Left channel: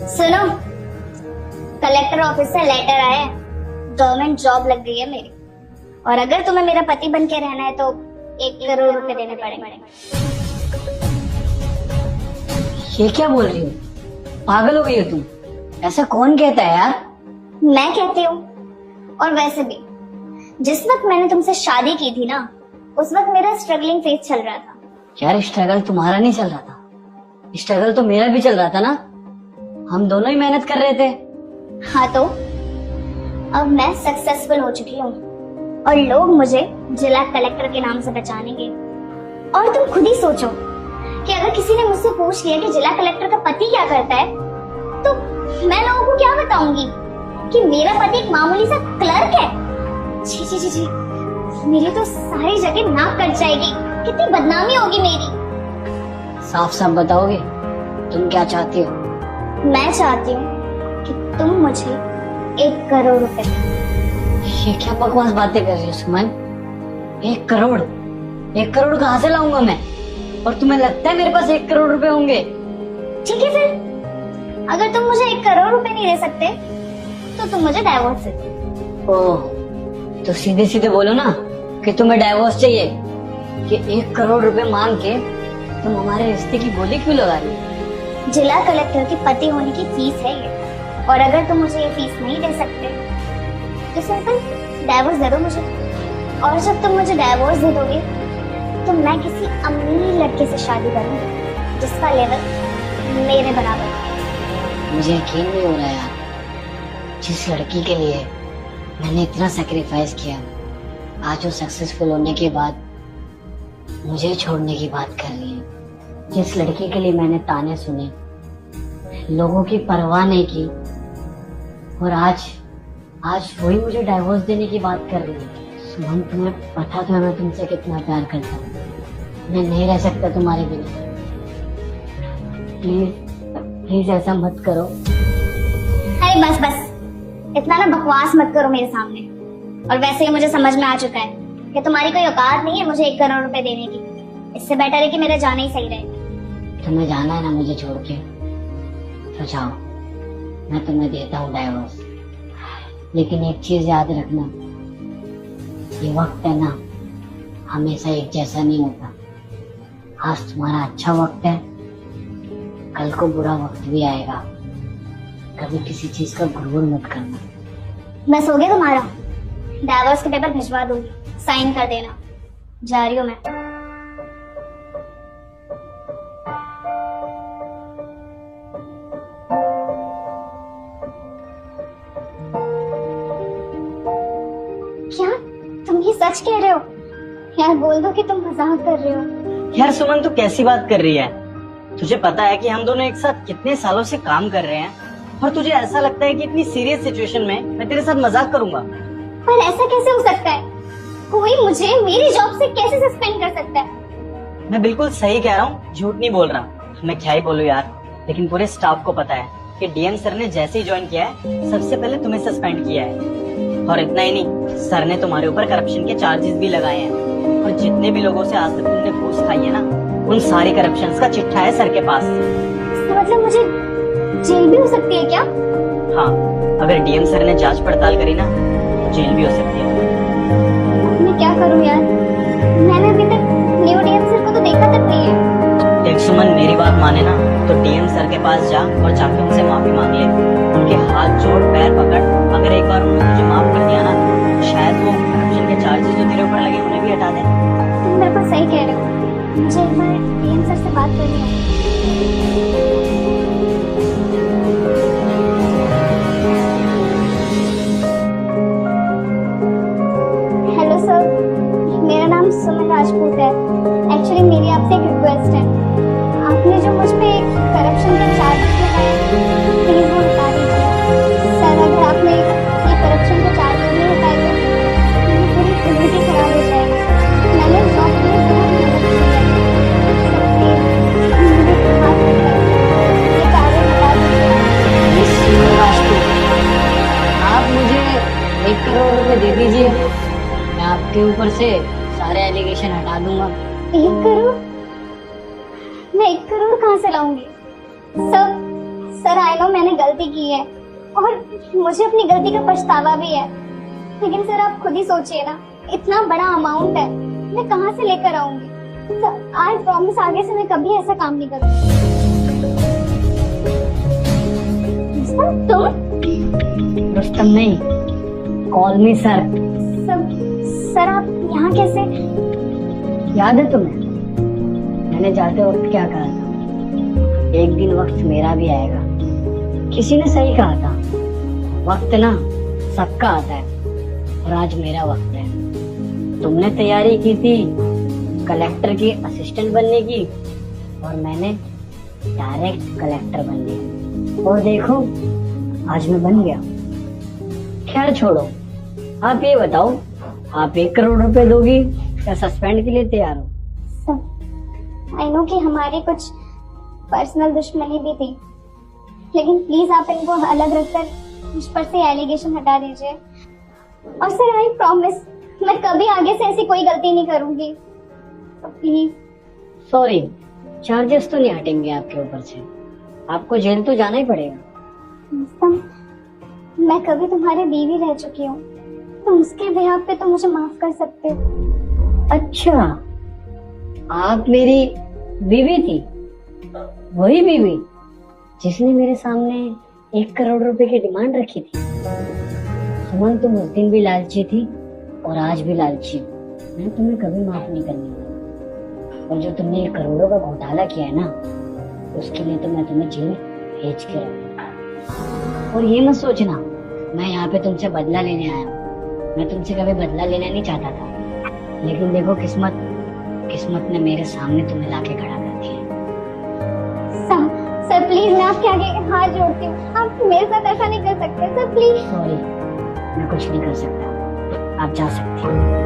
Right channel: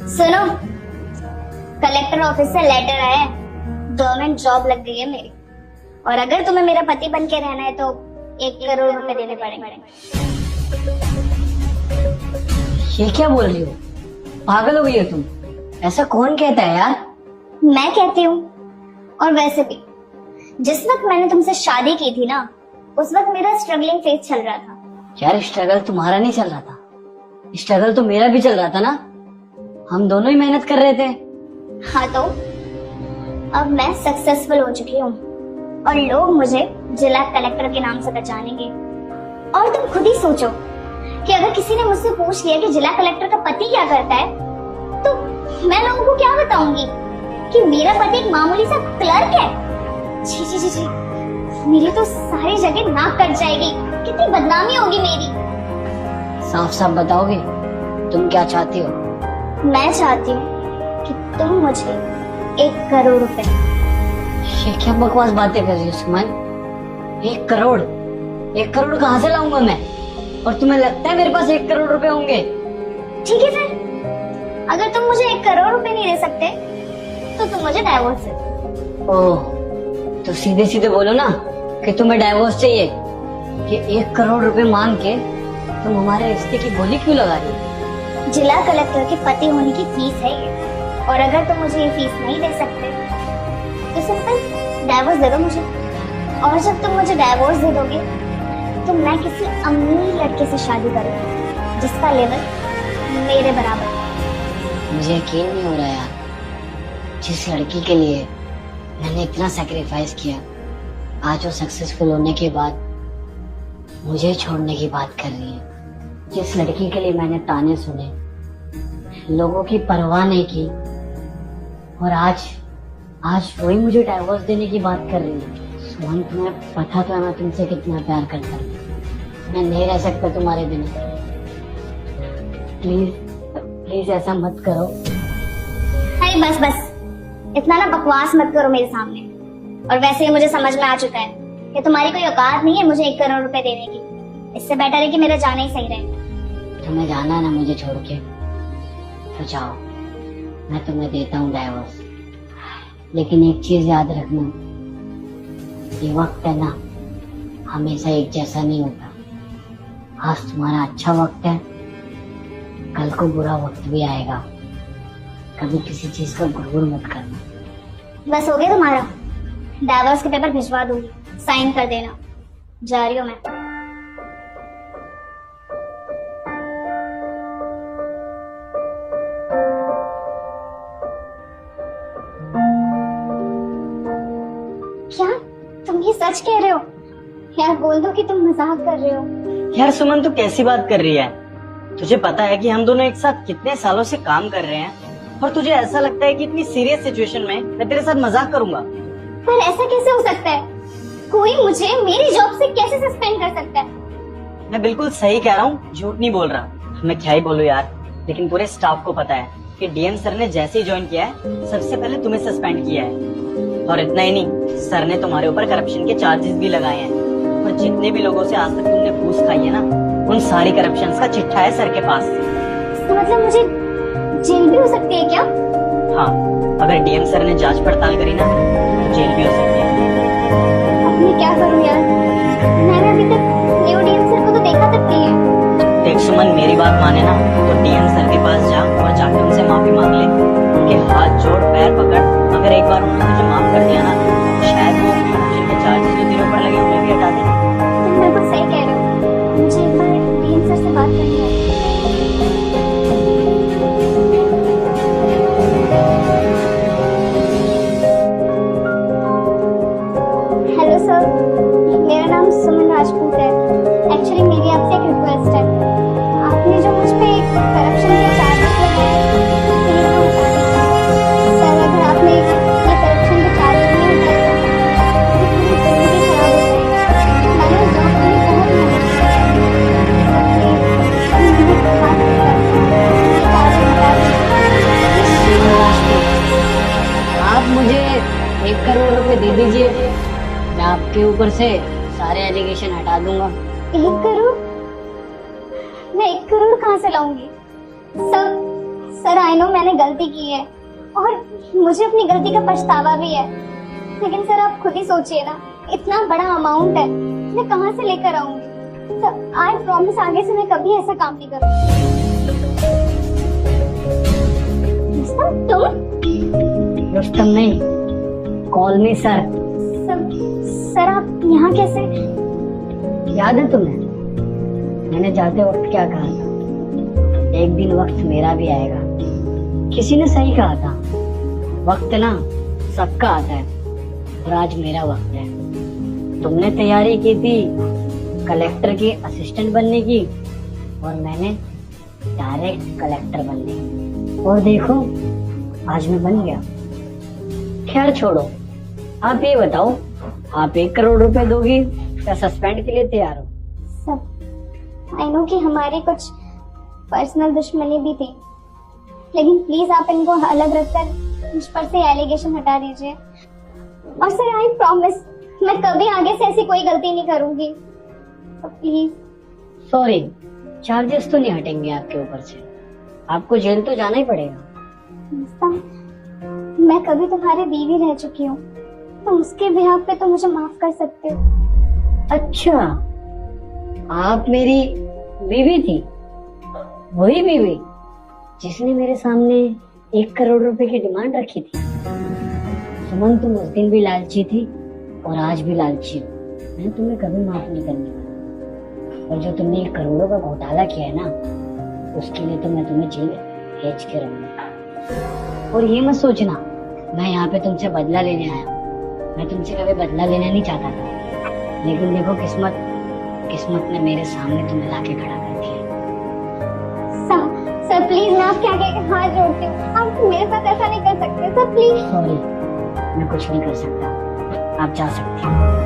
सुनो, collector office से letter आया है, गवर्नमेंट जॉब लग गई है मेरी। और अगर तुम्हें मेरा पति बन के रहना है तो 1 करोड़ रुपए देने पड़ेंगे। ये क्या बोल रही हो? पागल हो गई हो तुम? ऐसा कौन कहता है यार? मैं कहती हूँ। और वैसे भी जिस वक्त मैंने तुमसे शादी की थी ना, उस वक्त मेरा स्ट्रगलिंग फेज चल रहा था। यार स्ट्रगल तुम्हारा नहीं चल रहा था, स्ट्रगल तो मेरा भी चल रहा था ना। हम दोनों ही मेहनत कर रहे थे। हाँ तो अब मैं सक्सेसफुल हो चुकी हूँ और लोग मुझे जिला कलेक्टर के नाम से पहचानेंगे। और तुम खुद ही सोचो कि अगर किसी ने मुझसे पूछ लिया कि जिला कलेक्टर का पति क्या करता है, तो मैं लोगों को क्या बताऊंगी कि मेरा पति एक मामूली सा क्लर्क है। जी जी जी जी, मेरी तो सारी जगह नाक कट जाएगी, कितनी बदनामी होगी मेरी। साफ साफ बताओगे तुम क्या चाहती हो? मैं चाहती हूँ कि तुम मुझे 1 करोड़ रुपए। ये क्या बकवास बातें कर रही हो सुमन? 1 करोड़? 1 करोड़ कहाँ से लाऊंगा मैं? और तुम्हें लगता है मेरे पास 1 करोड़ रुपए होंगे? ठीक है फिर, अगर तुम मुझे 1 करोड़ रुपए नहीं दे सकते तो तुम मुझे डाइवोर्स दे दो। ओह, तो सीधे सीधे बोलो ना कि तुम्हें डाइवोर्स चाहिए। कि 1 करोड़ रुपए मांग के तुम हमारे रिश्ते की बोली क्यों लगा रही हो? जिला कलेक्टर के पति होने की फीस है ये, और अगर तुम मुझे ये फीस नहीं दे सकते तो सिंपल डाइवोर्स दे दो मुझे। और जब तुम मुझे डाइवोर्स दे दोगे तो मैं किसी अमीर लड़के से शादी करूंगी जिसका लेवल मेरे बराबर है। मुझे यकीन नहीं हो रहा यार, जिस लड़की के लिए मैंने इतना सैक्रिफाइस किया, आज वो सक्सेसफुल होने के बाद मुझे छोड़ने की बात कर रही है। जिस लड़की के लिए मैंने ताने सुने, लोगों की परवाह नहीं की, और आज वही मुझे डाइवोर्स देने की बात कर रही है। सुमन, तुम्हें पता तो है मैं तुमसे कितना प्यार करता हूँ। मैं नहीं रह सकता तुम्हारे बिना। प्लीज प्लीज ऐसा मत करो। अरे बस बस, इतना ना बकवास मत करो मेरे सामने। और वैसे ही मुझे समझ में आ चुका है कि तुम्हारी कोई औकात नहीं है मुझे 1 करोड़ रुपए देने की। इससे बेटर है कि मेरा जाना ही सही रहे। तुम्हें जाना है ना मुझे छोड़ के, तो जाओ, मैं तुम्हें देता हूँ डाइवोर्स। लेकिन एक चीज याद रखना, ये वक्त है ना, हमेशा एक जैसा नहीं होता। आज तुम्हारा अच्छा वक्त है, कल को बुरा वक्त भी आएगा। कभी किसी चीज का गुरूर मत करना। बस हो गया तुम्हारा? डाइवोर्स के पेपर भिजवा दूंगी, साइन कर देना। जा रही हूँ मैं। क्या तुम ये सच कह रहे हो? यार बोल दो कि तुम मजाक कर रहे हो। यार सुमन, तू कैसी बात कर रही है? तुझे पता है कि हम दोनों एक साथ कितने सालों से काम कर रहे हैं, और तुझे ऐसा लगता है कि इतनी सीरियस सिचुएशन में मैं तेरे साथ मजाक करूंगा? पर ऐसा कैसे हो सकता है? कोई मुझे मेरी जॉब से कैसे सस्पेंड कर सकता है? मैं बिल्कुल सही कह रहा हूँ, झूठ नहीं बोल रहा। मैं क्या ही बोलूं यार, लेकिन पूरे स्टाफ को पता है कि डीएम सर ने जैसे ही ज्वाइन किया है, सबसे पहले तुम्हें सस्पेंड किया है। और इतना ही नहीं, सर ने तुम्हारे ऊपर करप्शन के चार्जेस भी लगाए हैं। और जितने भी लोगों से आज तक तुमने घूस खाई है ना, उन सारे करप्शन का चिट्ठा है सर के पास। इसका मतलब मुझे जेल भी हो सकती है क्या? हाँ, अगर डीएम सर ने जांच पड़ताल करी ना, तो जेल भी हो सकती है। अब मैं क्या करूं यार? मैंने अभी तक न्यू डीएम सर को तो देखा तक नहीं है। देख सुमन, मेरी बात माने ना तो डीएम सर के पास जा और जाके उनसे माफी मांग ले। उनके हाथ जोड़, पैर पकड़। अगर एक बार उन्होंने तुझे माफ कर दिया ना, तो शायद वो करप्शन के चार्जेस जो तेरे ऊपर लगे उन्हें भी हटा दें। तुम बिल्कुल सही कह रहे हो। मुझे एक बार डीएम सर से बात करनी है। हेलो सर, मेरा नाम सुमन राजपूत है। एक्चुअली मेरी आपसे एक रिक्वेस्ट है। आपने जो मुझ पे करप्शन के चार्जेस लगाए हैं, प्लीज वो हटा दीजिए। सर, अगर आपने ये करप्शन के चार्जेस नहीं हटाए तो मेरी जिंदगी खराब हो जाएगी। मैंने जॉब आप मुझे 1 करोड़ रुपए दे दीजिए, मैं आपके ऊपर से सारे एलिगेशन हटा दूंगा। 1 करोड़? मैं 1 करोड़ कहाँ से लाऊंगी? सर, आई नो मैंने गलती की है और मुझे अपनी गलती का पछतावा भी है, लेकिन सर आप खुद ही सोचिए ना, इतना बड़ा अमाउंट है, मैं कहाँ से लेकर आऊंगी? सर आई प्रॉमिस आगे से मैं कभी ऐसा काम नहीं करूंगी। तुम? रुस्तम नहीं, कॉल मी सर। सर आप यहाँ कैसे? याद है तुम्हें मैंने जाते वक्त क्या कहा था? एक दिन वक्त मेरा भी आएगा। किसी ने सही कहा था, वक्त ना सबका आता है और आज मेरा वक्त है। तुमने तैयारी की थी कलेक्टर की असिस्टेंट बनने की और मैंने डायरेक्ट कलेक्टर बन लिया, और देखो आज मैं बन गया। खैर छोड़ो, आप ये बताओ, आप 1 करोड़ रुपए दोगी या सस्पेंड के लिए तैयार हो? सब आई नो कि हमारी कुछ पर्सनल दुश्मनी भी थी, लेकिन प्लीज आप इनको अलग रखकर मुझ पर से एलिगेशन हटा दीजिए। और सर आई प्रॉमिस मैं कभी आगे से ऐसी कोई गलती नहीं करूंगी, तो प्लीज। सॉरी, चार्जेस तो नहीं हटेंगे आपके ऊपर से, आपको जेल तो जाना ही पड़ेगा। मैं कभी तुम्हारे बीवी रह चुकी हूँ, तो उसके बिहाफ पे तो मुझे माफ कर सकते हो। अच्छा, आप मेरी बीवी थी, वही बीवी जिसने मेरे सामने 1 करोड़ रुपए की डिमांड रखी थी। सुमन, तुम उस दिन भी लालची थी और आज भी लालची हो। मैं तुम्हें कभी माफ नहीं करने वाला, और जो तुमने 1 करोड़ों का घोटाला किया है ना, उसके लिए तो मैं तुम्हें जेल भेज के रहूंगा। और ये मत सोचना मैं यहाँ पे तुमसे बदला लेने आया हूँ, मैं तुमसे कभी बदला लेना नहीं चाहता था, लेकिन देखो किस्मत ने मेरे सामने तुम्हें लाके खड़ा कर दिया। सर प्लीज मैं आपके आगे हाथ जोड़ती हूँ, आप मेरे साथ ऐसा नहीं कर सकते सर, प्लीज। सॉरी, मैं कुछ नहीं कर सकता, आप जा सकती हो।